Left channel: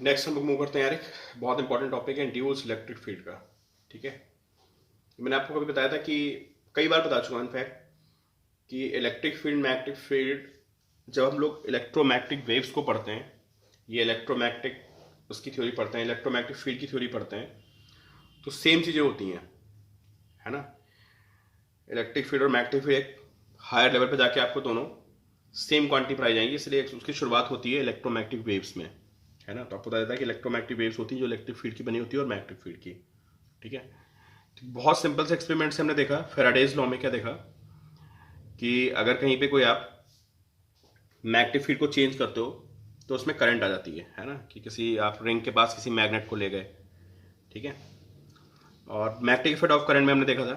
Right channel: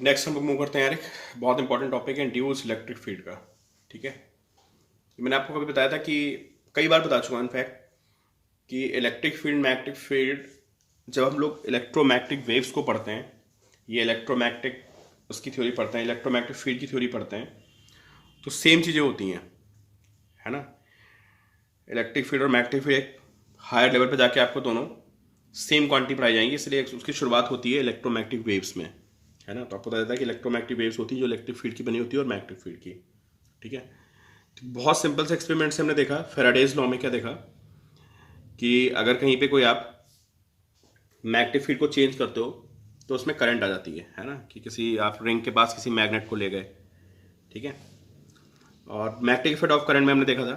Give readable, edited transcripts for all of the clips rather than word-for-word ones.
Next हम लोग move करते हैं यार, एक बहुत इंपॉर्टेंट टॉपिक है इंड्यूस इलेक्ट्रिक फील्ड का। ठीक है, मैंने आपको कभी बताया था कि कई बार बता चुका हूँ इनफैक्ट कि इलेक्ट्रिक फील्ड मैग्नेटिक फील्ड, जब हम लोग इलेक्ट्रोमैग्नेटिक वेव्स को पढ़ते हैं, ये इलेक्ट्रोमैग्नेटिक उसकी थ्योरी पढ़ते हैं, इलेक्ट्रोमैग्नेटिक फील्ड की थ्योरी पढ़ते हैं, तो सेम चीज़ें होती हैं, है ना। इलेक्ट्रिक फील्ड और मैग्नेटिक फील्ड एक हायर लेवल पे जाके आपको दोनों सेम क्वांटिटी पढ़ाई जाएंगी, इसलिए उसकी शुरुआत होती है इलेक्ट्रोमैग्नेटिक वेव्स में, है ना। तो आपको पता जाता है कि इलेक्ट्रोमैग्नेटिक वेव्स होती है जो इलेक्ट्रिक फील्ड की बनी होती है और मैग्नेटिक फील्ड की। ठीक है, तो बहुत सिंपल से एक्सपेरिमेंट से हमने देखा, फेराडेज लॉ में क्या देखा कि अगर कहीं पे कोई आप मैग्नेटिक फील्ड को चेंज करते हो तो उसमें करंट आ जाती है ना। कि किसी आप रिंग के पास किसी मैग्नेट को ले गए, ठीक है, और मैग्नेटिक इफेक्ट ऑफ करंट में हमने देखा था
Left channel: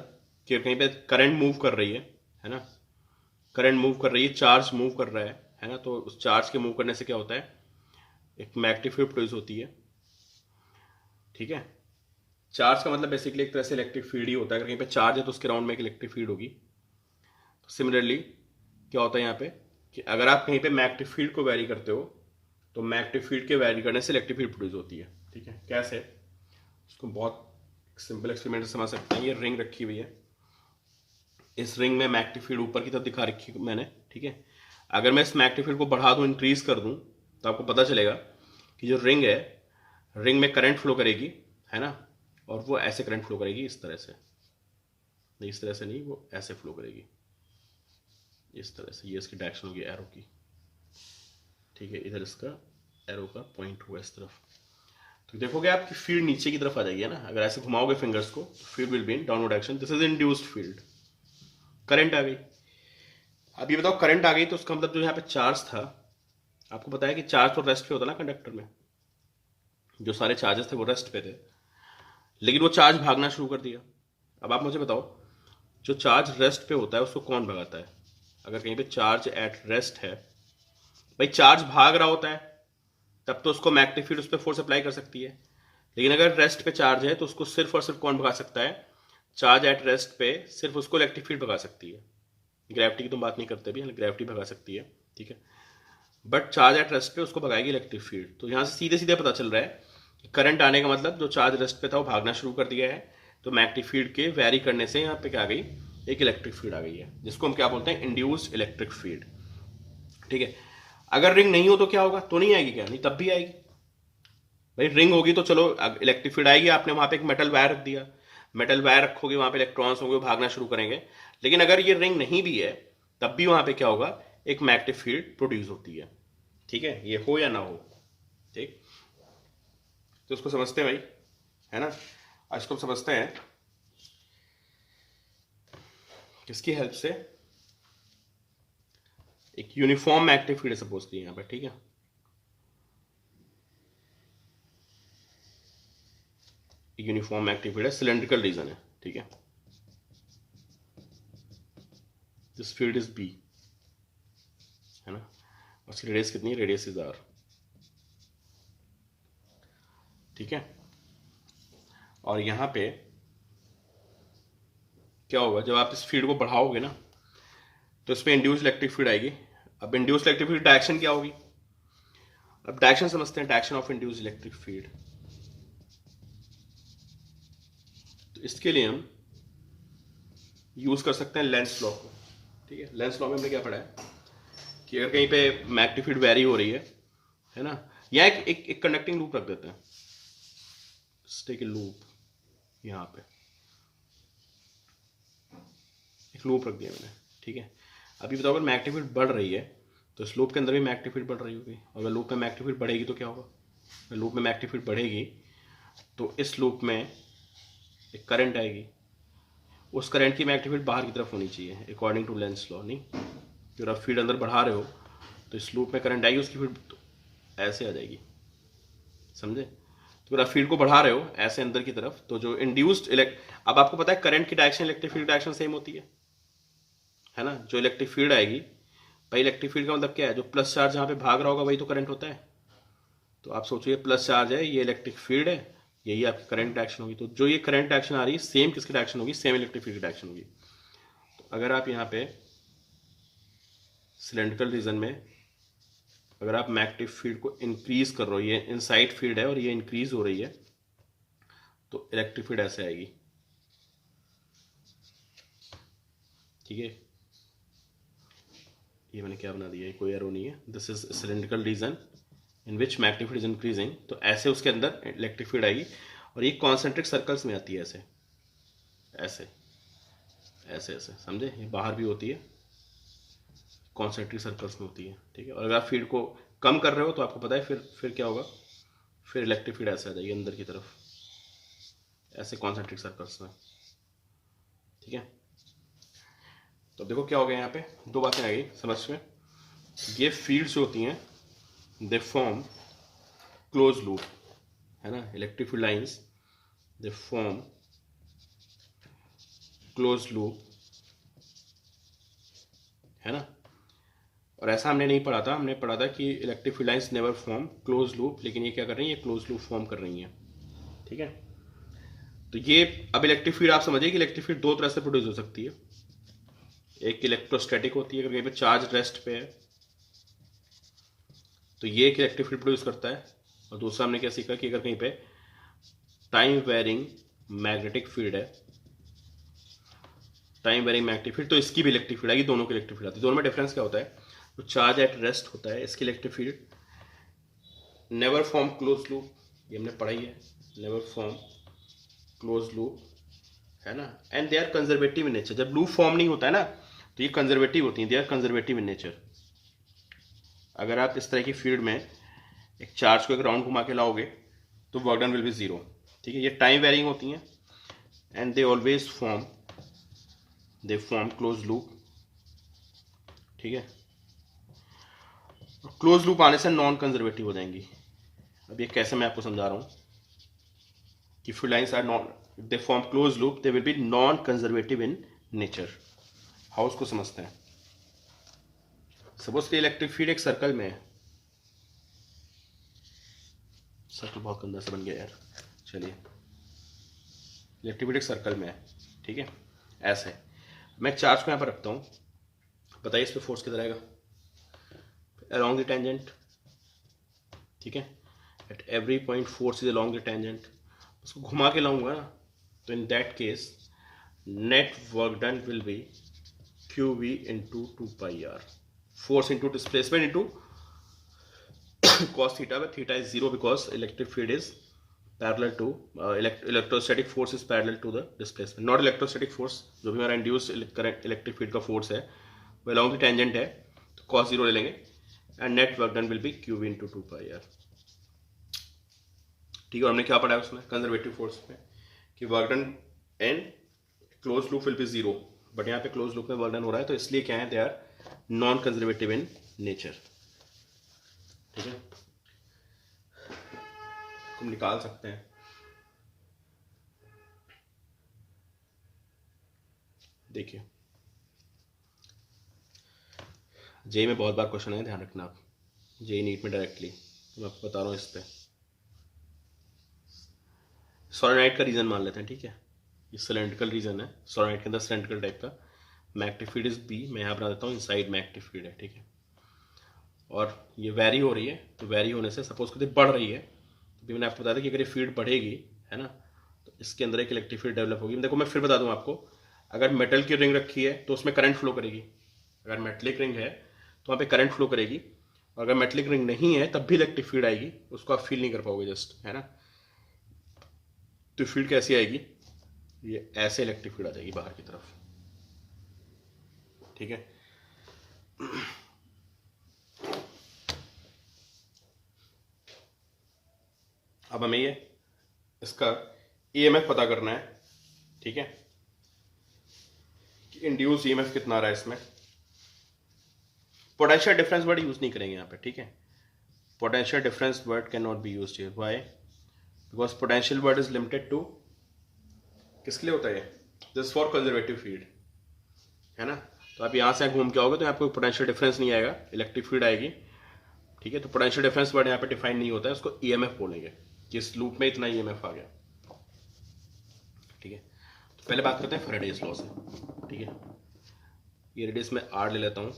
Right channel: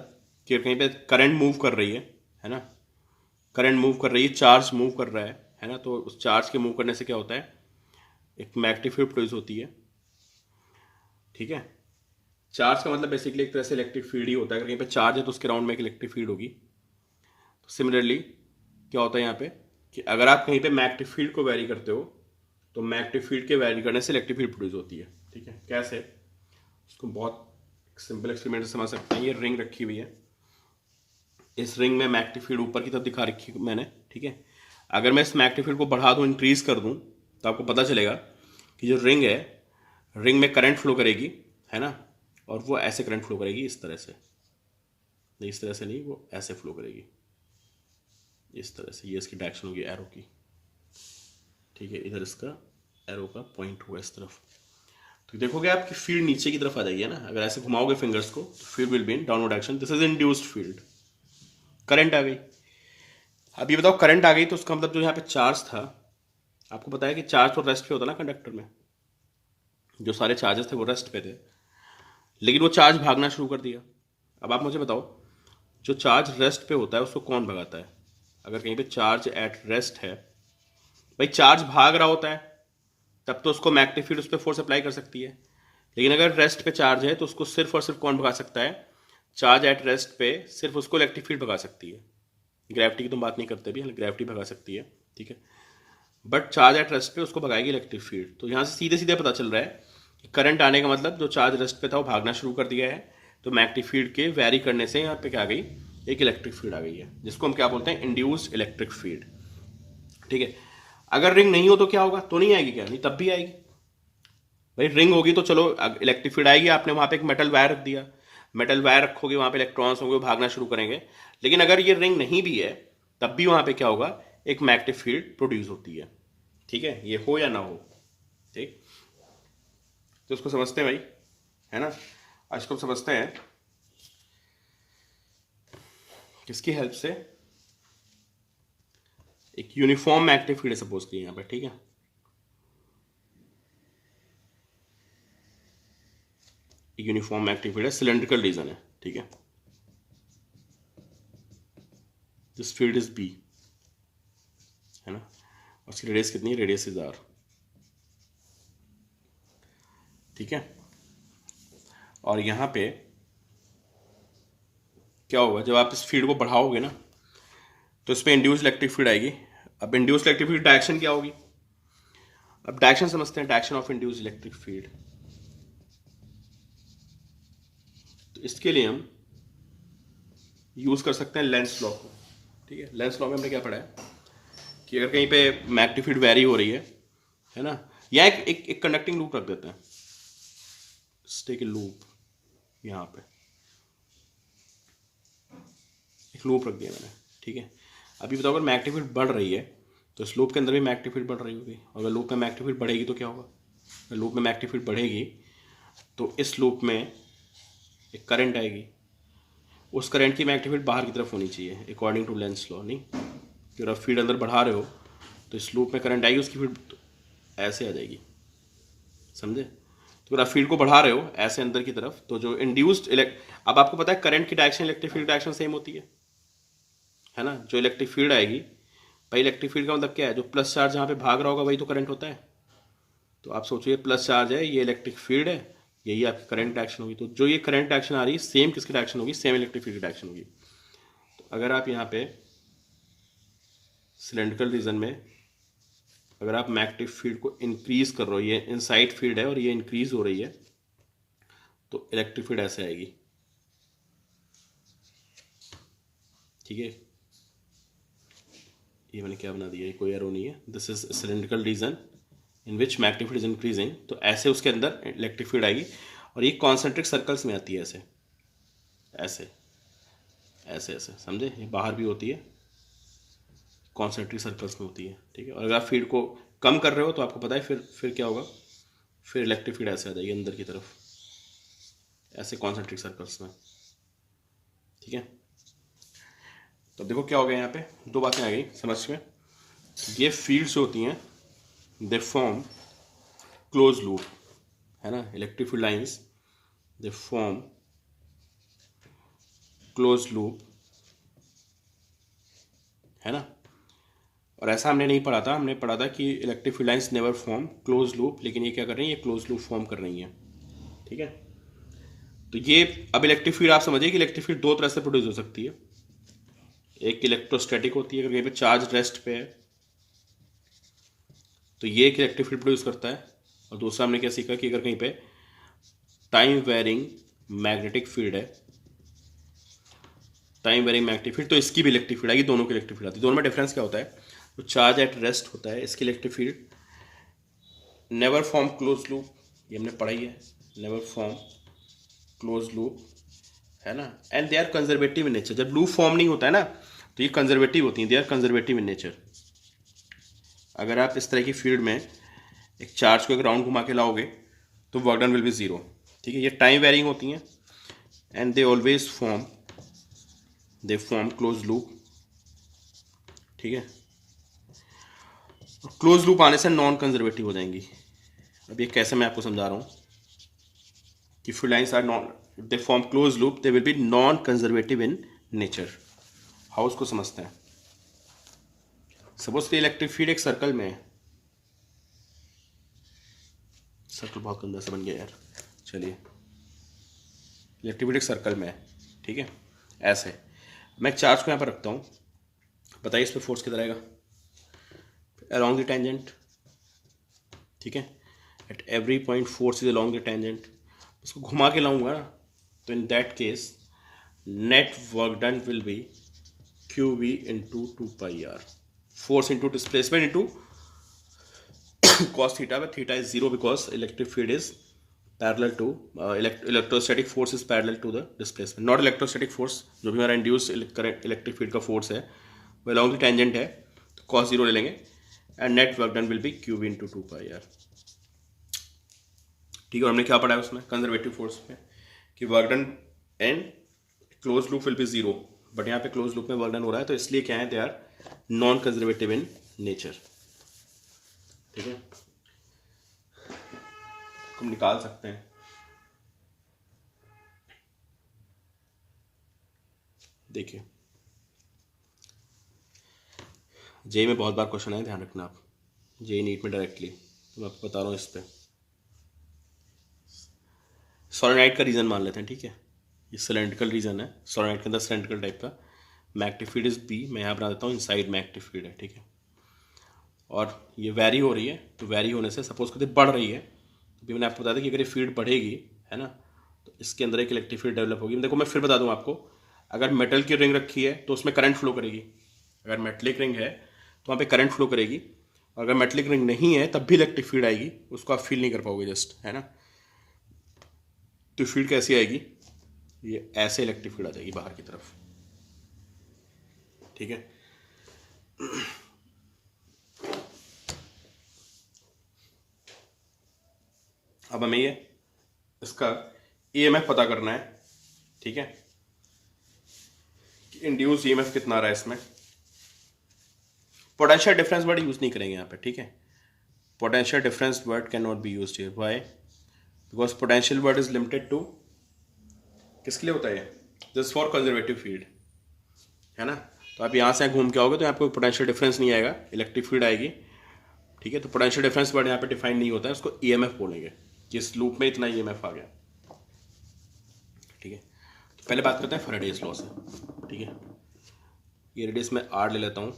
कि कहीं पे करंट मूव कर रही है ना, करंट मूव कर रही है, चार्ज मूव कर रहा है ना। तो उस चार्ज के मूव करने से क्या होता है, एक मैग्नेटिक फील्ड प्रोड्यूस होती है। ठीक है, चार्ज का मतलब बेसिकली एक तरह से इलेक्ट्रिक फील्ड ही होता है। अगर कहीं पे चार्ज है तो उसके राउंड में एक इलेक्ट्रिक फील्ड होगी। तो सिमिलरली क्या होता है यहाँ पे कि अगर आप कहीं पे मैग्नेटिक फील्ड को वैरी करते हो तो मैग्नेटिक फील्ड के वैरी करने से इलेक्ट्रिक फील्ड प्रोड्यूस होती है। ठीक है, कैसे, उसको बहुत सिंपल एक्सपेरिमेंट से समझ सकते हैं। ये रिंग रखी हुई है, इस रिंग में मैग्नेटिक फील्ड ऊपर की तरफ दिखा रखी है मैंने। ठीक है, अगर मैं इस मैग्नेटिक फील्ड को बढ़ा दूँ, इंक्रीज कर दूँ, तो आपको पता चलेगा कि जो रिंग है, रिंग में करंट फ्लो करेगी, है ना। और वो ऐसे करंट फ्लो करेगी, इस तरह से नहीं, इस तरह से नहीं, वो ऐसे फ्लो करेगी, इस तरह से। ये इसकी डायरेक्शन होगी एरो की। ठीक है, इधर इसका एरो का पॉइंट हुआ इस तरफ। तो देखोगे आपकी फील्ड नीचे की तरफ आ जाएगी, है ना। अगर ऐसे घुमाओगे फिंगर्स को तो field will be in downward direction. This is induced field. Current आ गई। अब ये बताओ, करंट आ गई तो उसका मतलब जो यहाँ पे चार्ज था, आपको पता है कि चार्ज तो रेस्ट पे होता ना कंडक्टर में, जो सारे चार्जेस थे वो रेस्ट पे थे, लेकिन वो चार्ज भागना शुरू कर दिया। अब आप मुझे बताओ, जो चार्ज रेस्ट पे होता है उसको कौन भगाता है। अगर कहीं पे चार्ज एट रेस्ट है, भाई चार्ज भाग रहा होता है, तब तो उसको मैग्नेटिक फील्ड उस पर फोर्स अप्लाई कर सकती है। लेकिन अगर रेस्ट पे चार्ज है तो उसको सिर्फ और सिर्फ कौन भगा सकता है, चार्ज एट रेस्ट पे सिर्फ उसको इलेक्ट्रिक फील्ड भगा सकती है। ग्रेविटी की तो बात नहीं करते भी, ग्रेविटी भगा सकती है, ठीक है, बट चार्ज एट रेस्ट पे उसको भगाएगी इलेक्ट्रिक फील्ड। तो यहाँ से सीधे सीधे पता चल रहा है कि करंट आने का मतलब जो चार्ज रेस्ट पे था वो भागना शुरू कर दिया है। तो मैग्नेटिक फील्ड के वैरी करने से यहाँ पे क्या आ गई, एक इलेक्ट्रिक फील्ड आ गई है, जिसको हम क्या बोलते हैं, इंड्यूस्ड इलेक्ट्रिक फील्ड। ठीक है, अगर रिंग नहीं हो तो क्या होगा, तो नहीं आएगी क्या, नहीं तब भी आएगी। भाई रिंग होगी तो चलो इलेक्ट्रिक फील्ड आएगी, आपने वहां पे एक मेटल वायर रख दिया, मेटल वायर रखोगे, वहां पे इलेक्ट्रॉन्स होंगे, वो भागना शुरू करेंगे। लेकिन अगर ये रिंग नहीं भी है तब भी वहां पे क्या होगा, एक मैग्नेटिक फील्ड प्रोड्यूस होती है। ठीक है, ये हो या ना हो। ठीक, तो इसको समझते हैं भाई, है ना। आज इसको समझते हैं किसकी हेल्प से, एक यूनिफॉर्म मैग्नेटिक फील्ड सपोज किया यहाँ पे। ठीक है, एक यूनिफॉर्म मैग्नेटिक फील्ड है, सिलेंड्रिकल रीजन है। ठीक है, दिस फील्ड इज बी, है ना, उसकी रेडियस कितनी है, रेडियस इज आर। ठीक है, और यहाँ पे क्या होगा, जब आप इस फील्ड को बढ़ाओगे ना तो इसमें इंड्यूस इलेक्ट्रिक फील्ड आएगी। अब इंड्यूस इलेक्ट्रिक फील्ड डायरेक्शन क्या होगी, अब डायरेक्शन समझते हैं, direction of induce electric field. तो इसके लिए हम यूज कर सकते हैं लेंस लॉ को। ठीक है, लेंस लॉ में हमने क्या पढ़ा है कि अगर कहीं पे मैग्नेटिक फील्ड वेरी हो रही है ना, या एक कंडक्टिंग लूप रख देते हैं, टेक ए लूप, यहाँ पे एक लूप रख दिया मैंने। ठीक है, अभी बताओ, अगर मैग्नेटिक फील्ड बढ़ रही है तो इस लूप के अंदर भी मैग्नेटिक फील्ड बढ़ रही होगी। अगर लूप में मैग्नेटिक फील्ड बढ़ेगी तो क्या होगा, अगर लूप में मैग्नेटिक फील्ड बढ़ेगी तो इस लूप में एक करंट आएगी, उस करंट की मैग्नेटिक फील्ड बाहर की तरफ होनी चाहिए अकॉर्डिंग टू लेंस लॉ। नहीं, अगर आप फील्ड अंदर बढ़ा रहे हो तो इस लूप में करंट आएगी, उसकी फील्ड ऐसे आ जाएगी, समझे। तो अगर आप फील्ड को बढ़ा रहे हो ऐसे अंदर की तरफ, तो जो इंड्यूस्ड अब आपको पता है करंट की direction electric field direction same होती है ना। जो इलेक्ट्रिक फील्ड आएगी, भाई इलेक्ट्रिक फील्ड का मतलब क्या है, जो प्लस चार्ज यहाँ पे भाग रहा होगा वही तो करंट होता है। तो आप सोचिए प्लस चार्ज है, ये इलेक्ट्रिक फील्ड है, यही आपकी करंट डायरेक्शन होगी। तो जो ये करंट डायरेक्शन आ रही है सेम किसकी डायरेक्शन होगी, सेम इलेक्ट्रिक फील्ड की डायरेक्शन होगी। तो अगर आप यहाँ पे सिलेंड्रिकल रीजन में अगर आप मैग्नेटिक फील्ड को इंक्रीज कर रहे हो, ये इनसाइड फील्ड है और ये इंक्रीज हो रही है, तो इलेक्ट्रिक फील्ड ऐसे आएगी, ठीक है। ये मैंने क्या बना दिया, ये कोई एरो नहीं है, this is cylindrical region in which magnetic field is increasing, तो ऐसे उसके अंदर इलेक्ट्रिक फील्ड आएगी और ये कॉन्सेंट्रिक सर्कल्स में आती है, ऐसे ऐसे ऐसे ऐसे, समझे, ये बाहर भी होती है, कॉन्सेंट्रिक सर्कल्स में होती है, ठीक है। और अगर आप फील्ड को कम कर रहे हो तो आपको पता है फिर क्या होगा, फिर इलेक्ट्रिक फील्ड ऐसे आ जाएगी अंदर की तरफ, ऐसे कॉन्सेंट्रिक सर्कल्स में, ठीक है। तो देखो क्या हो गया, यहाँ पे दो बातें आ गई समझ में। ये फील्ड्स होती हैं, दे फॉर्म क्लोज लूप, है ना, इलेक्ट्रिक फील्ड लाइंस दे फॉर्म क्लोज लूप, है ना। और ऐसा हमने नहीं पढ़ा था, हमने पढ़ा था कि electric field lines never form close loop, लेकिन ये क्या कर रही है, ये क्लोज लूप फॉर्म कर रही हैं, ठीक है। तो ये अब इलेक्ट्रिक फील्ड आप समझिए कि इलेक्ट्रिक फील्ड दो तरह से प्रोड्यूस हो सकती है। एक इलेक्ट्रोस्टैटिक होती है, अगर कहीं पे चार्ज रेस्ट पे है तो ये एक इलेक्ट्रिक फील्ड प्रोड्यूस करता है, और दूसरा हमने क्या सीखा कि अगर कहीं पे टाइम वेरिंग मैग्नेटिक फील्ड है, टाइम वेरिंग मैग्नेटिक फील्ड, तो इसकी भी इलेक्ट्रिक फील्ड आएगी, दोनों की इलेक्ट्रिक फील्ड आती है। दोनों में डिफरेंस क्या होता है, तो चार्ज एट रेस्ट होता है, इसकी electric field never form close loop, ये हमने पढ़ाई है, नेवर फॉर्म क्लोज लूप, है ना, and they are conservative in nature. जब लूप फॉर्म नहीं होता है ना तो ये कंजर्वेटिव होती हैं, they are conservative in nature. अगर आप इस तरह की फील्ड में एक चार्ज को एक राउंड घुमा के लाओगे तो work done will be zero, ठीक है। ये टाइम वेरिंग होती हैं and they always form close loop, ठीक है। क्लोज लूप आने से नॉन कंजर्वेटिव हो जाएंगी। अब ये कैसे मैं आपको समझा रहा हूँ कि field lines are non, they form close loop, they will be non conservative in nature. How उसको समझते हैं, सपोज कि इलेक्ट्रिक फील्ड एक सर्कल में है, सर्कल बहुत गंदा से बन गया यार, चलिए, इलेक्ट्रिक फील्ड एक सर्कल में है, ठीक है, ऐसे मैं चार्ज को यहाँ पर रखता हूँ, बताइए इस पर फोर्स कितना रहेगा, अलोंग द टेंजेंट, ठीक है, at every point force is along the tangent. उसको घुमा के लाऊंगा ना तो in that case net work done will be Q V into 2πr, force into displacement into cos theta, theta is zero because electric field is parallel to electrostatic force is parallel to the displacement, not electrostatic force, जो भी हमारा induced current electric field का force है वो along the tangent है, तो cos zero ले लेंगे and net work done will be Q V into 2πr, ठीक है। और हमने क्या पढ़ा है उसमें कंजर्वेटिव फोर्स में कि work done and close loop will be zero, but यहाँ पे क्लोज लूप में वर्क डन हो रहा है, तो इसलिए क्या है, they are non conservative in nature, ठीक है। हम निकाल सकते हैं, देखिए जेई में बहुत बार क्वेश्चन है, ध्यान रखना आप, जेई नीट में डायरेक्टली, तो मैं आपको बता रहा हूँ इस पर। सोलेनोइड का रीजन मान लेते हैं, ठीक है, ये सिलेंड्रिकल रीजन है, सोलेनोइड के अंदर सिलेंड्रिकल टाइप का, मैग्नेटिक फील्ड इज बी, मैं यहाँ बना देता हूँ इनसाइड मैग्नेटिक फील्ड है, ठीक है। और ये वैरी हो रही है, तो वैरी होने से सपोज करते बढ़ रही है, तो मैंने आपको बताया था कि अगर ये फील्ड बढ़ेगी, है ना, तो इसके अंदर एक इलेक्ट्रिक फील्ड डेवलप होगी। देखो मैं फिर बता दूँ आपको, अगर मेटल की रिंग रखी है तो उसमें करंट फ्लो करेगी, अगर मेटलिक रिंग है तो वहाँ पे करंट फ्लो करेगी, और अगर मेटलिक रिंग नहीं है तब भी इलेक्ट्रिक फील्ड आएगी, उसको आप फील नहीं कर पाओगे जस्ट, है ना। तो फील्ड कैसी आएगी, ये ऐसे इलेक्ट्रिक फील्ड आ जाएगी बाहर की तरफ, ठीक है। अब हमें ये इसका ईएमएफ पता करना है, ठीक है, कि इंड्यूस ईएमएफ कितना आ रहा है इसमें। पोटेंशियल डिफरेंस वर्ड यूज नहीं करेंगे यहाँ पे, ठीक है, potential difference word can not be used here, why, because potential word is limited to, किसके लिए होता है, दिस फॉर कंजर्वेटिव फील्ड, है ना। तो आप यहाँ से घूम के आओगे तो आपको पोटेंशियल डिफरेंस नहीं आएगा, इलेक्ट्रिक फील्ड आएगी, ठीक है। तो पोटेंशियल डिफरेंस वर्ड यहाँ पे डिफाइन नहीं होता है, उसको ईएमएफ बोलेंगे, जिस लूप में इतना ईएमएफ आ गया, ठीक है। तो पहले बात करते हैं फैराडेज लॉ से, ठीक है। ये रेडियस में आर ले लेता हूँ,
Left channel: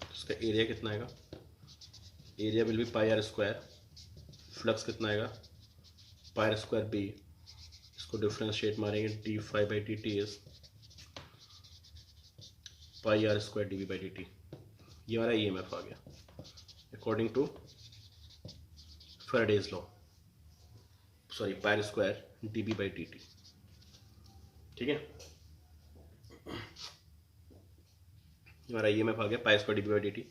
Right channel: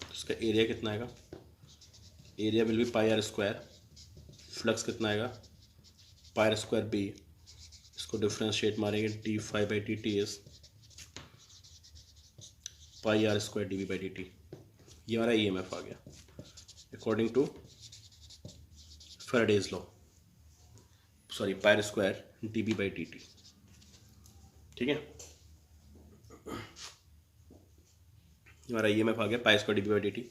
तो इसका एरिया कितना आएगा, area will be pi are square, flux कितना आएगा पाई आर स्क्वायर बी, इसको डिफ्रेंशिएट मारेंगे d phi by D t is pi are square d V by D t. ये हमारा ई एम एफ आ गया according to Faraday's law, sorry pi are square d B by D t. ठीक है, हमारा E M F आ गया pi square d B by D t.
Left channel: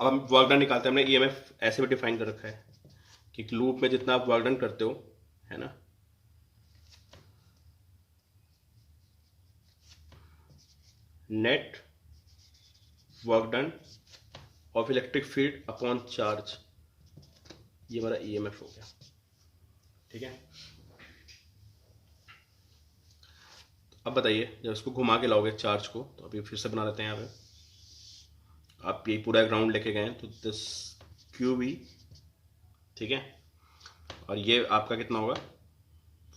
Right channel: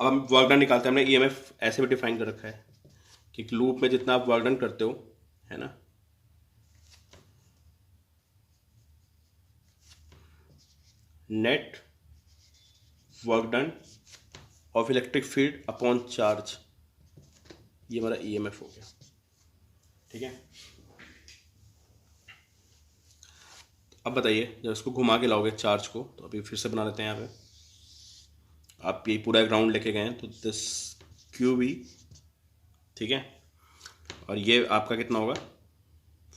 अब हम वर्क डन निकालते हैं। हमने ई एम एफ ऐसे भी डिफाइन कर रखा है कि लूप में जितना आप वर्क डन करते हो, है ना, net work done of electric field upon charge, ये हमारा ई एम एफ हो गया। ठीक है, अब बताइए जब इसको घुमा के लाओगे चार्ज को, तो अभी फिर से बना लेते हैं। यहाँ पे आप ये पूरा ग्राउंड लेके गए तो दिस क्यू वी, ठीक है, और ये आपका कितना होगा,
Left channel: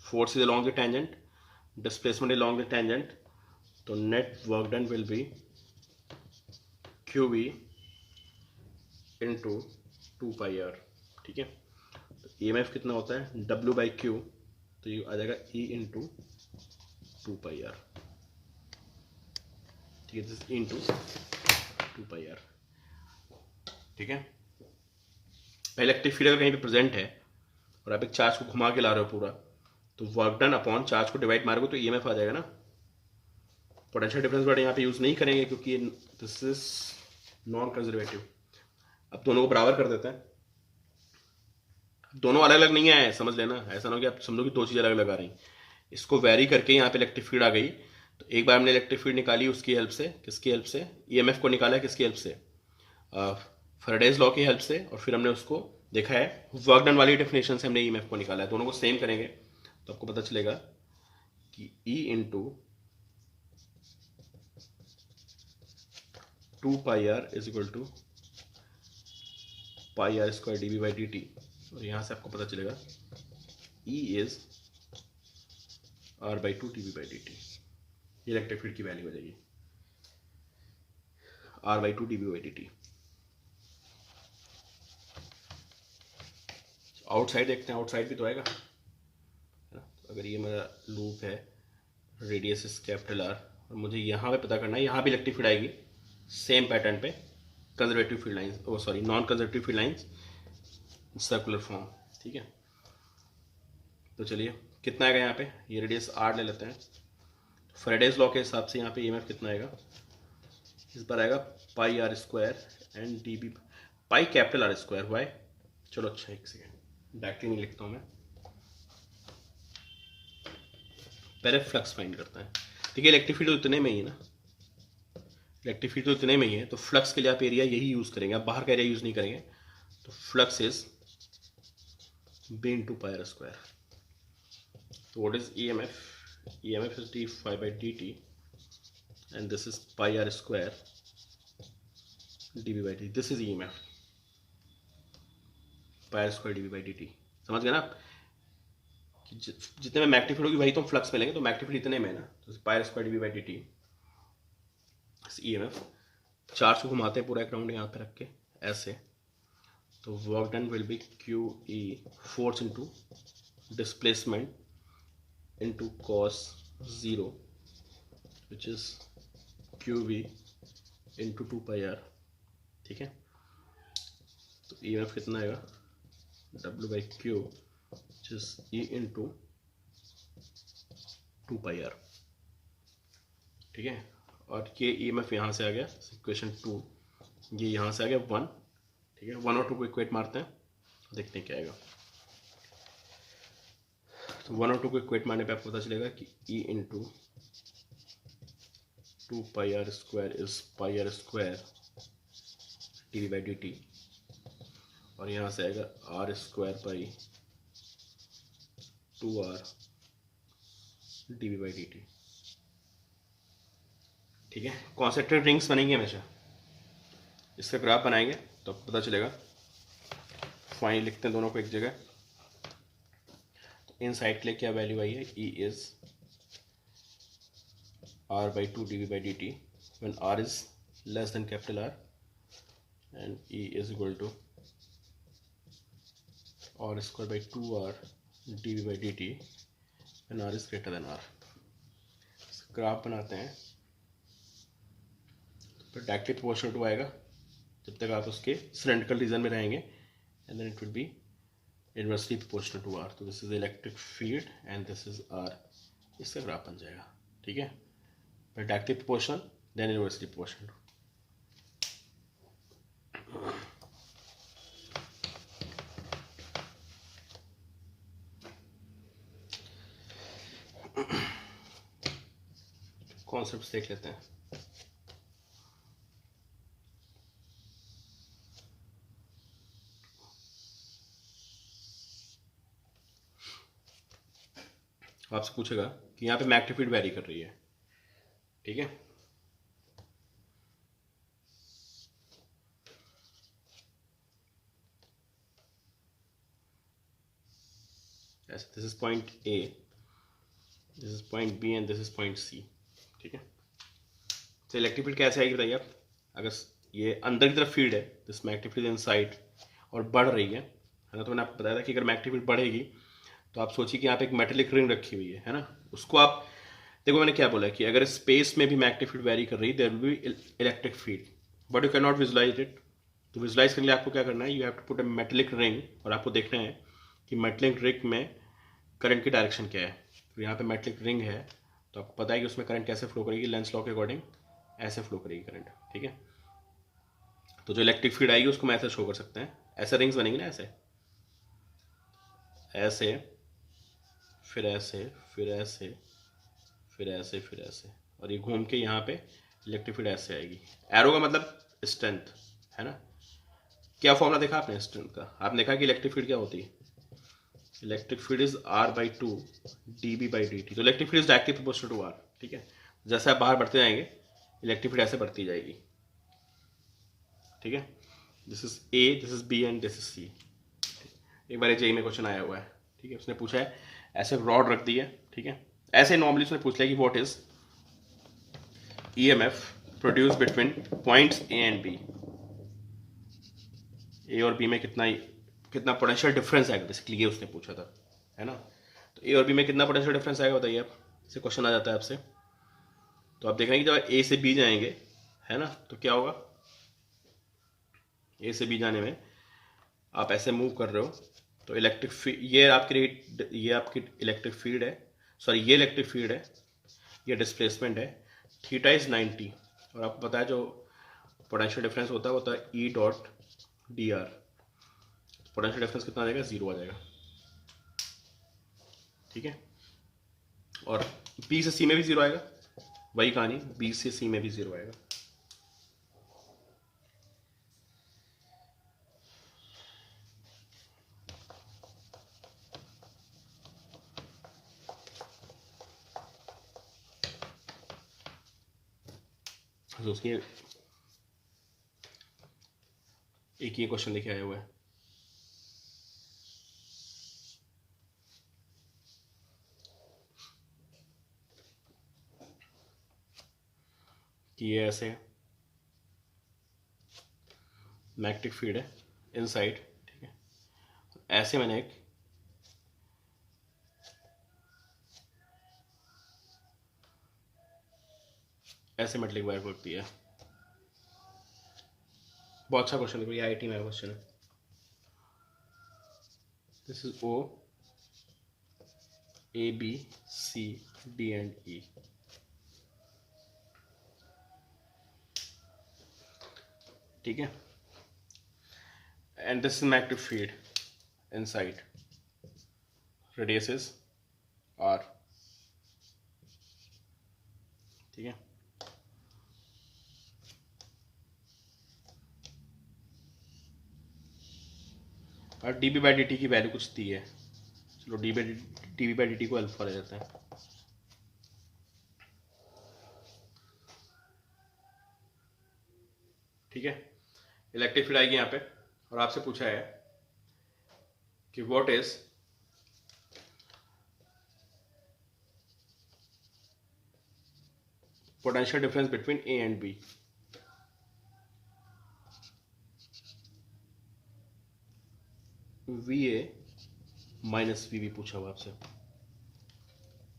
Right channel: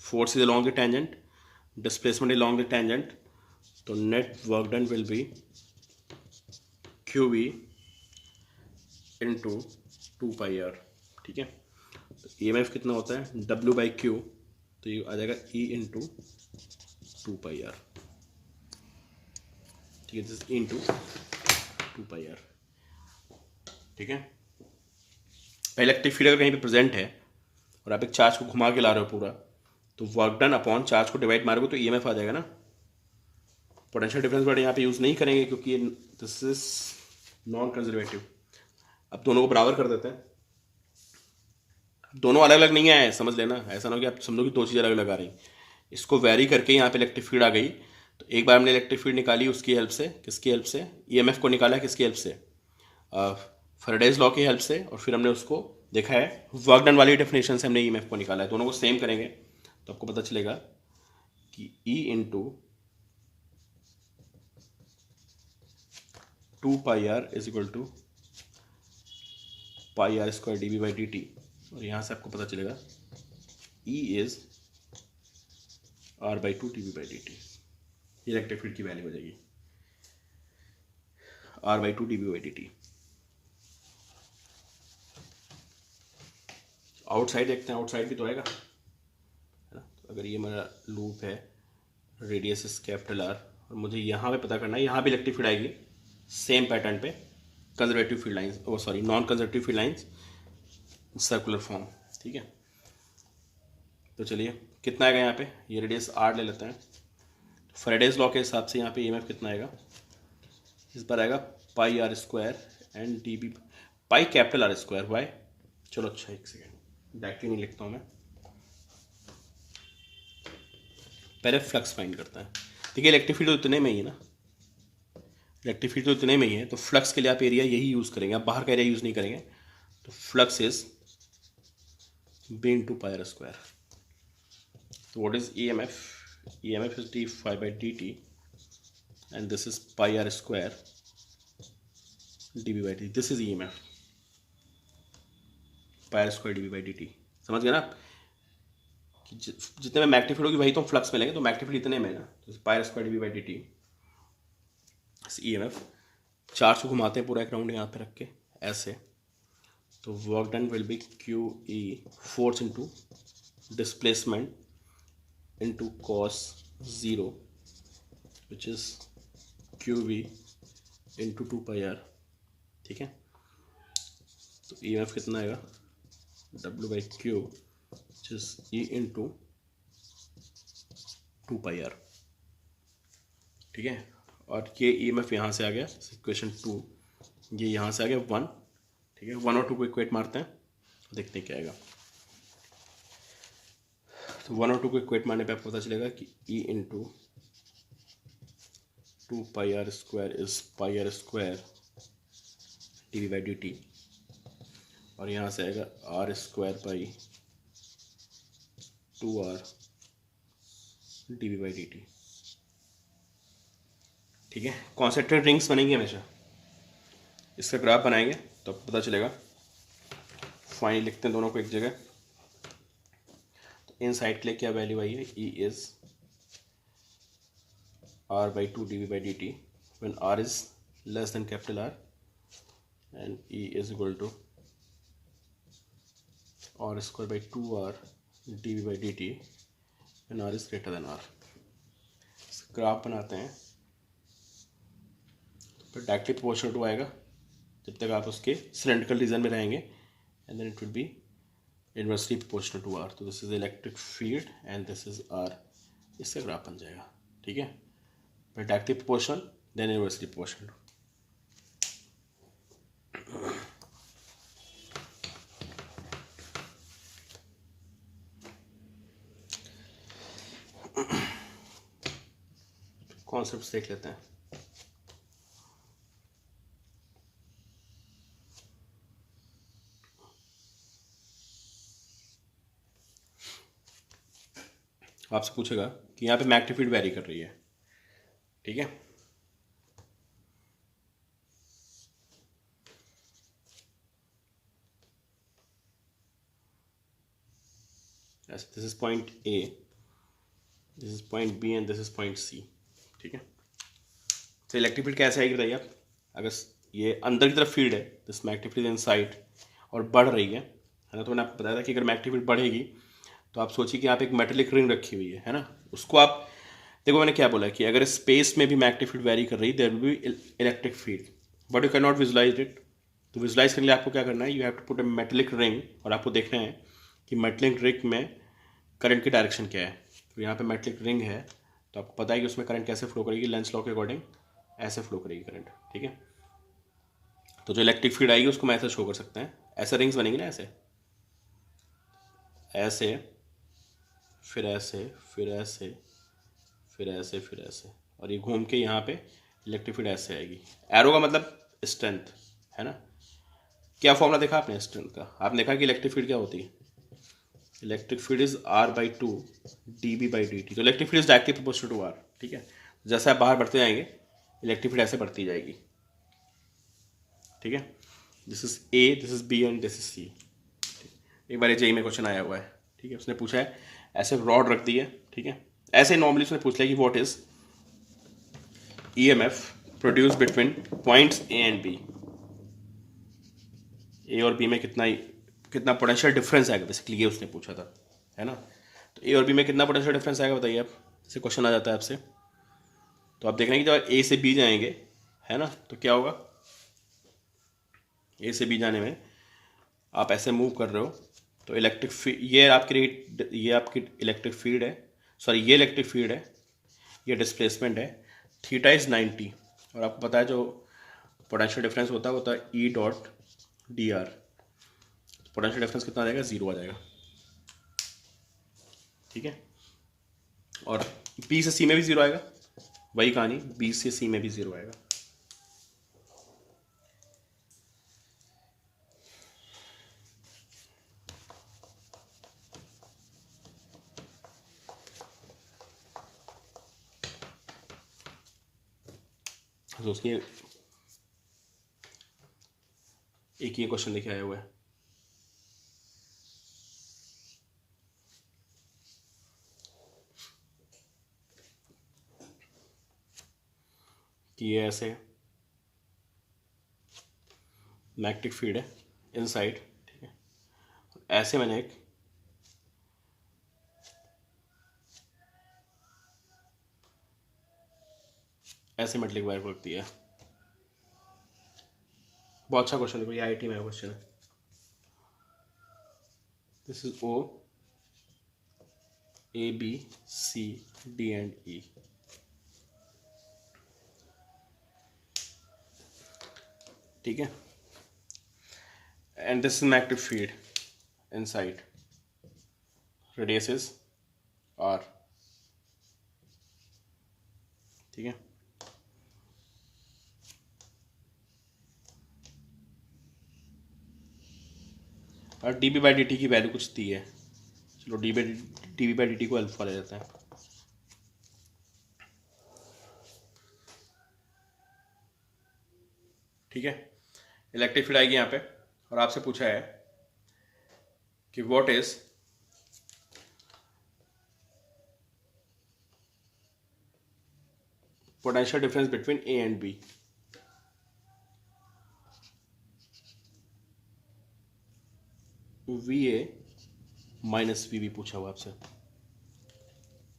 force is along the tangent, displacement along the tangent, तो net work done will be Q V into 2πr। ठीक है, तो ई एम एफ कितना होता है W बाई क्यू, तो ये आ जाएगा E इंटू 2πr। ठीक है, E इंटू 2πr। ठीक है, इलेक्ट्रिक फील्ड अगर कहीं पे प्रेजेंट है और आप एक चार्ज को घुमा के ला रहे हो पूरा, तो वर्क डन अपॉन चार्ज को डिवाइड मारोगे तो ई एम एफ आ जाएगा ना। पोटेंशियल डिफरेंस वर्ड यहाँ पे यूज़ नहीं करेंगे क्योंकि दिस इज नॉन कंजर्वेटिव। अब दोनों को बराबर कर देते हैं। दोनों अलग अलग नहीं आए, समझ लेना, ऐसा ना हो कि आप समझो कि दो चीज़ें अलग अलग आ रही। इसको वेरी करके यहाँ पे इलेक्ट्रिक फील्ड आ गई, तो एक बार हमने इलेक्ट्रिक फील्ड निकाली उसकी हेल्प से, किसकी हेल्प से, ईएमएफ को निकाला किसकी हेल्प से, फैराडेज लॉ की हेल्प से, और फिर हमने उसको देखा है वर्क डन वाली डेफिनेशन से हमने ईएमएफ को निकाला है। दोनों को सेम करेंगे तो आपको पता चलेगा कि E into 2πr is equal to pi are square d B by D t, और यहाँ से आपको पता चलेगा E is R/2 d B by D t. Electric field की वैल्यू हो जाएगी R/2 d B by D t. Outside देखते हैं, आउटसाइड भी तो आएगा, है ना। तो अगर ये मेरा लूप है, रेडियस इज कैपिटल R, और मुझे यहाँ पे पता करना है, यहाँ भी इलेक्ट्रिक फील्ड आएगी सेम पैटर्न पे, conservative field lines, oh sorry non conservative field lines, circular form. ठीक है, तो चलिए कितना आएगा यहाँ पे, ये रेडियस R ले लेते हैं। फैराडेज लॉ के हिसाब से यहाँ पे ईएमएफ कितना आएगा, इस पर आएगा pi are square and D B, pi capital R square Y. चलो अच्छा, एक सेकेंड डायरेक्टली नहीं लिखता हूँ मैं, पहले फ्लक्स फाइंड करता है। देखिए इलेक्ट्रिक फील्ड तो इतने में ही है ना, इलेक्ट्रिक फील्ड तो इतने में ही है, तो फ्लक्स के लिए आप एरिया यही यूज़ करेंगे, आप बाहर का एरिया यूज़ नहीं करेंगे। तो flux is B into pi are square. तो what is E M F, EMF is d phi by dt and this is pi r square dv by dt. This is EMF, pi r square dv by dt। समझ गए ना कि जितने में magnetic field होगी वही तो हम फ्लक्स में लेंगे, तो मैग्नेटिक फील्ड इतने में है ना, तो pi r square dv by dt EMF। Charge को घुमाते हैं पूरा एक राउंड यहाँ पे रख के ऐसे, तो work done will be Q E, force into displacement into cos 0 which is qv into 2πr। ठीक है, तो EMF कितना आएगा W by Q which is E into 2πr। ठीक है, और ये EMF यहाँ से आ गया इक्वेशन 2, ये यहाँ से आ गया 1। ठीक है, 1 और 2 को इक्वेट मारते हैं, देखते हैं क्या आएगा। तो 1 और 2 को इक्वेट मारने पे आपको पता चलेगा कि E into 2πr square is pi are square d V by D t, और यहाँ से आएगा R square by 2r d V by D t. ठीक है, कॉन्सेंट्रिक रिंग्स बनेंगी हमेशा, इसका ग्राफ बनाएंगे तो आपको पता चलेगा। फाइन लिखते हैं दोनों को एक जगह। इन साइड के लिए क्या वैल्यू आई है, E is R/2 dv by dt when R is less than capital R, and E is equal to R square by 2R dV by dt and R is greater than R। Graph बनाते हैं, तो directly proportional to आएगा जब तक आप उसके cylindrical region में रहेंगे, and then it will be inversely proportional to R। तो this is electric field and this is R। इसका ग्राफ बन जाएगा, ठीक है। पर directly proportional then inversely proportional. Concepts देख लेते हैं। आपसे पूछेगा कि यहाँ पे मैग्नेटिक फील्ड वेरी कर रही है, ठीक है। This is point A, this is point B and this is point C, ठीक है। तो इलेक्ट्रिक फील्ड कैसे आएगी बताइए आप। अगर ये अंदर की तरफ फील्ड है, दिस मैग्नेटिक फील्ड इनसाइड, और बढ़ रही है ना, तो मैंने आपको बताया था कि अगर मैग्नेटिक फील्ड बढ़ेगी तो आप सोचिए कि यहाँ पे एक मेटेलिक रिंग रखी हुई है ना, उसको आप देखो, मैंने क्या बोला कि अगर स्पेस में भी मैग्नेटिक फील्ड वेरी कर रही है, there will be electric field, but you can not visualize it. तो विजुलाइज करने के लिए आपको क्या करना है, you have to put a metallic ring, और आपको देखना है कि मेटेलिक रिंग में करंट की डायरेक्शन क्या है। तो यहाँ पे मेटेलिक रिंग है, तो आपको पता है कि उसमें करंट कैसे फ्लो करेगी, लेंस लॉ के अकॉर्डिंग ऐसे फ्लो करेगी करंट, ठीक है। तो जो इलेक्ट्रिक फील्ड आएगी उसको मैं ऐसे शो कर सकते हैं, ऐसे रिंग्स बनेगी ना, ऐसे ऐसे, फिर ऐसे, फिर ऐसे, फिर ऐसे, फिर ऐसे, और ये घूम के यहाँ पे इलेक्ट्रिक फील्ड ऐसे आएगी। एरो का मतलब स्ट्रेंथ है ना। क्या फॉर्मूला देखा आपने स्ट्रेंथ का, आपने देखा कि इलेक्ट्रिक फील्ड क्या होती है, electric field is R/2 dB by dt। तो electric field is directly proportional to R, ठीक है। जैसे आप बाहर बढ़ते जाएंगे इलेक्ट्रिक फील्ड ऐसे बढ़ती जाएगी, ठीक है। This is A, this is B and this is C। एक बार जेई में क्वेश्चन आया हुआ है, ठीक है। उसने पूछा है ऐसे रॉड रख दी है, ठीक है। ऐसे नॉर्मली उसने पूछ लिया कि what is EMF produce between points A and B। ए और बी में कितना पोटेंशियल डिफरेंस आएगा, बेसिकली ये उसने पूछा था, है ना। तो ए और बी में कितना पोटेंशियल डिफरेंस आएगा बताइए आप, जैसे क्वेश्चन आ जाता है आपसे। तो आप देख रहे हैं कि जब ए से बी जाएंगे, है ना, तो क्या होगा, ए से बी जाने में आप ऐसे मूव कर रहे हो, तो इलेक्ट्रिक फील्ड, ये आपकी इलेक्ट्रिक फील्ड है, सॉरी ये इलेक्ट्रिक फील्ड है, ये डिस्प्लेसमेंट है, थीटा इज 90, और आपको पता है जो पोटेंशियल डिफरेंस होता है वो होता है E.dr। पोटेंशियल डिफरेंस कितना आ जाएगा, 0 आ जाएगा, ठीक है। और बी से सी में भी 0 आएगा, वही कहानी, बी से सी में भी 0 आएगा। तो उसके एक ये क्वेश्चन लेके आया हुआ है कि ये ऐसे मैग्नेटिक फील्ड है इनसाइड, ठीक है। ऐसे मैंने एक ऐसे मेटलिक वायर रख दिया। बहुत अच्छा क्वेश्चन है, ये IIT में क्वेश्चन है। This is O, A, B, C, D and E, ठीक है। And this is magnetic field inside, radius is R, ठीक है। और dB बाई dt की वैल्यू कुछ दी है, चलो dB बाई dt को अल्फा ले लेते हैं, ठीक है। इलेक्ट्रिक फील्ड आएगी यहाँ पे, और आपसे पूछा है कि what is potential difference between A and B। V A minus V B पूछा हुआ आपसे,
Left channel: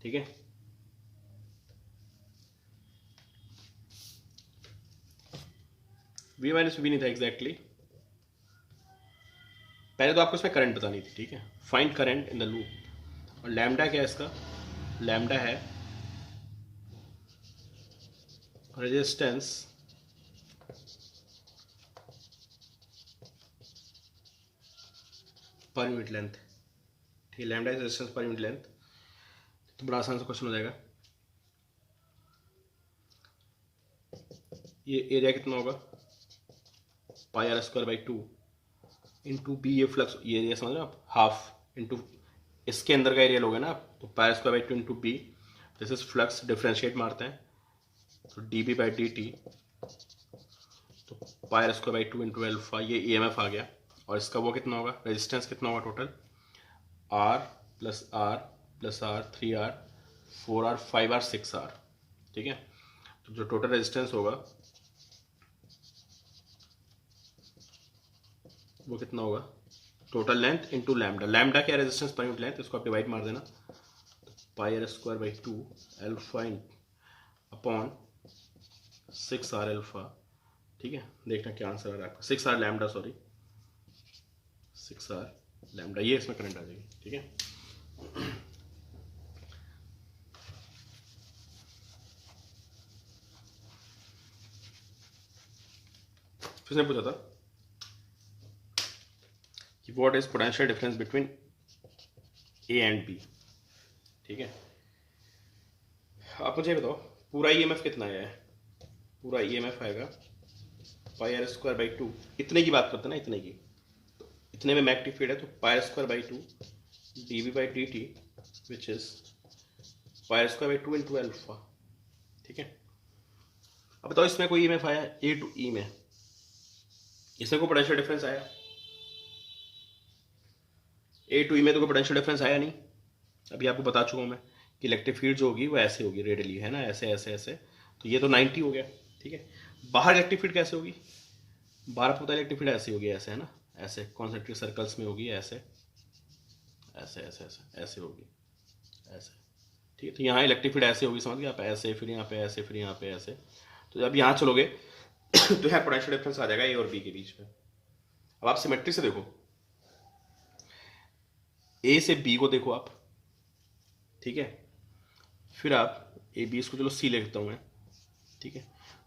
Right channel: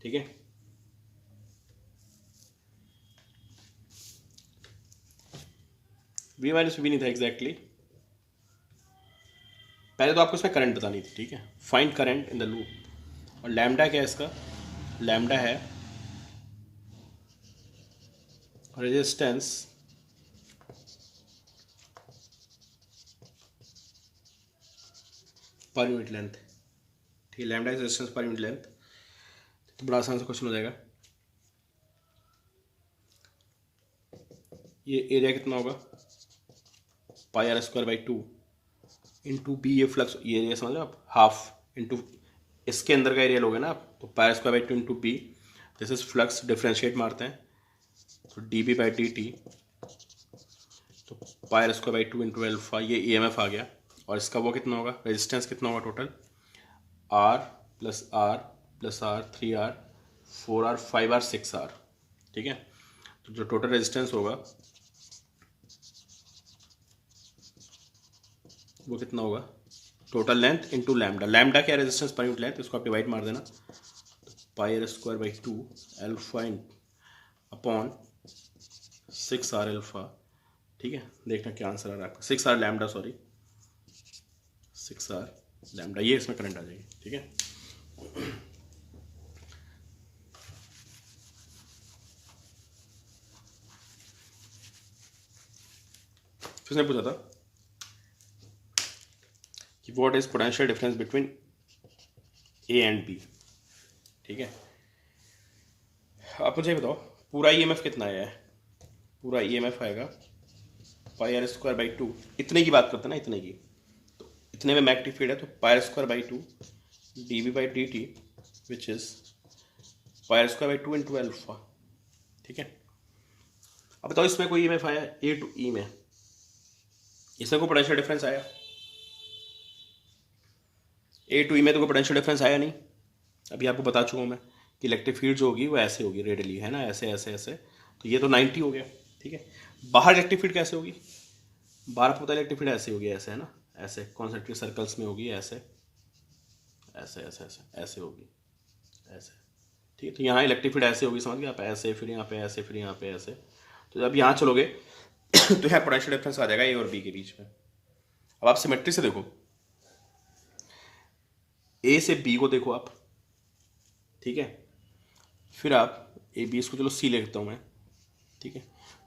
ठीक है। वी माइनस वी नहीं था एग्जैक्टली, पहले तो आपको इसमें करंट बतानी थी, ठीक है। Find current in the loop, और लैम्डा क्या है इसका, लैम्डा है रेजिस्टेंस पर यूनिट लेंथ, ठीक है। Lambda is resistance per unit length, तो बड़ा आसान सा क्वेश्चन हो जाएगा। ये एरिया कितना होगा, pi are square by 2 into B, ये फ्लक्स, ये एरिया समझ लो आप, हाफ इंटू इसके अंदर का एरिया लोगे ना आप, तो pi are square by 2 into B, जैसे फ्लक्स डिफ्रेंशिएट मारते हैं तो D B by D T, तो pi are square by 2 into alpha, ये ई एम एफ आ गया। और इसका वो कितना होगा, रेजिस्टेंस कितना होगा total, R plus R plus R, 3R 4R 5R 6R, ठीक है। तो जो टोटल रेजिस्टेंस होगा वो कितना होगा, total length into lambda, lambda क्या रेजिस्टेंस पर यूनिट लेंथ, इसको आप डिवाइड मार देना, pi are square by 2 alpha upon 6R alpha, ठीक है। देखना क्या आंसर आ रहा है आपका, 6R lambda, sorry 6R lambda, ये इसमें करंट आ जाएगी, ठीक है। किसने पूछा था कि what is potential difference between A and B, ठीक है। आप मुझे बताओ पूरा ईएमएफ कितना आया है, पूरा ईएमएफ आएगा पाई आर स्क्वायर बाई 2, इतने की बात करते हैं ना, इतने की, तो इतने में मैग्नेटिक फील्ड है, तो pi are square by 2 D B by D T which is pi are square by 2 into alpha, ठीक है। अब बताओ इसमें कोई ईएमएफ आया ए टू ई में, इसमें कोई पोटेंशियल डिफरेंस आया, ए टू ई में तो कोई पोटेंशियल डिफरेंस आया नहीं। अभी आपको बता चुका हूँ मैं कि इलेक्ट्रिक फील्ड जो होगी वो ऐसे होगी रेडियली, है ना, ऐसे ऐसे ऐसे, तो ये तो 90 हो गया, ठीक है। बाहर इलेक्ट्रिक फील्ड कैसे होगी, बाहर आपको पता है इलेक्ट्रिक फील्ड ऐसे होगी, ऐसे, है ना, ऐसे कॉन्सेंट्रिक सर्कल्स में होगी, ऐसे ऐसे ऐसे ऐसे ऐसे होगी, ऐसे, ठीक है। तो यहाँ इलेक्ट्रिक फील्ड ऐसे होगी, समझ गए आप, ऐसे, फिर यहाँ पे ऐसे, फिर यहाँ पे ऐसे, तो जब यहाँ चलोगे तो यहाँ पोटेंशियल डिफरेंस आ जाएगा ए और बी के बीच में। अब आप सिमेट्री से देखो, ए से बी को देखो आप, ठीक है, फिर आप ए बी, इसको चलो सी लिखता हूं मैं, ठीक है,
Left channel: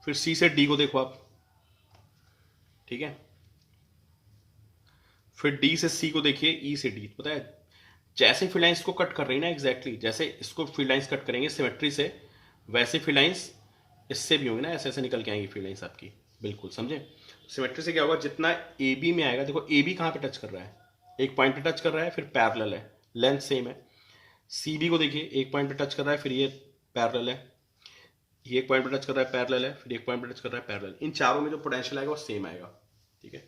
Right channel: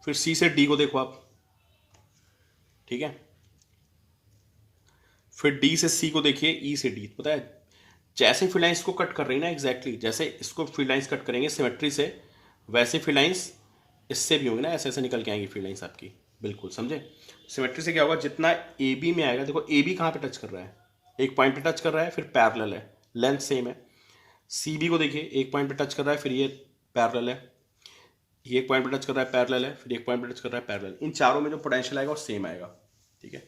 फिर सी से डी को देखो आप, ठीक है, फिर डी से सी को देखिए, ई से डी, पता है जैसे फील्ड लाइंस को कट कर रही है ना, एग्जैक्टली जैसे इसको फील्ड लाइंस कट करेंगे सिमेट्री से, वैसे फील्ड लाइंस इससे भी होंगी ना, ऐसे ऐसे निकल के आएंगी फील्ड लाइंस आपकी, बिल्कुल समझे। सिमेट्री से क्या होगा, जितना ए बी में आएगा, देखो ए बी कहाँ पे टच कर रहा है, एक पॉइंट पे टच कर रहा है, फिर पैरेलल है, लेंथ सेम है। सी बी को देखिए, एक पॉइंट पे टच कर रहा है, फिर ये पैरेलल है, ये एक पॉइंट पे टच कर रहा है, पैरेलल है, फिर एक पॉइंट पे टच कर रहा है, पैरेलल। इन चारों में जो पोटेंशियल आएगा वो सेम आएगा, ठीक है।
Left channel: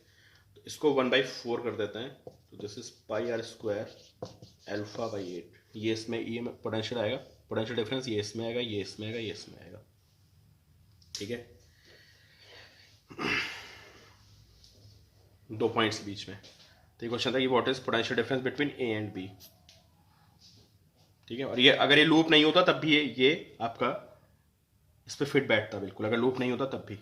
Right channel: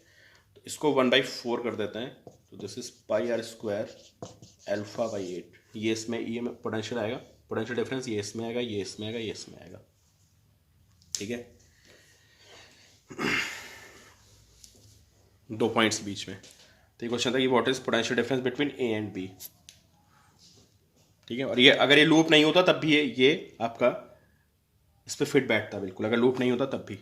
तो इसको 1/4 कर देते हैं, तो this is pi are square alpha by 8, ये इसमें ये पोटेंशियल आएगा, पोटेंशियल डिफरेंस ये इसमें आएगा, ये इसमें आएगा, ये इसमें आएगा, ठीक है। 2 पॉइंट्स बीच में, तो ये क्वेश्चन था कि what is potential difference between A and B, ठीक है। और ये अगर ये लूप नहीं होता तब भी ये आपका इस पर फिट बैठता बिल्कुल, अगर लूप नहीं होता तब भी।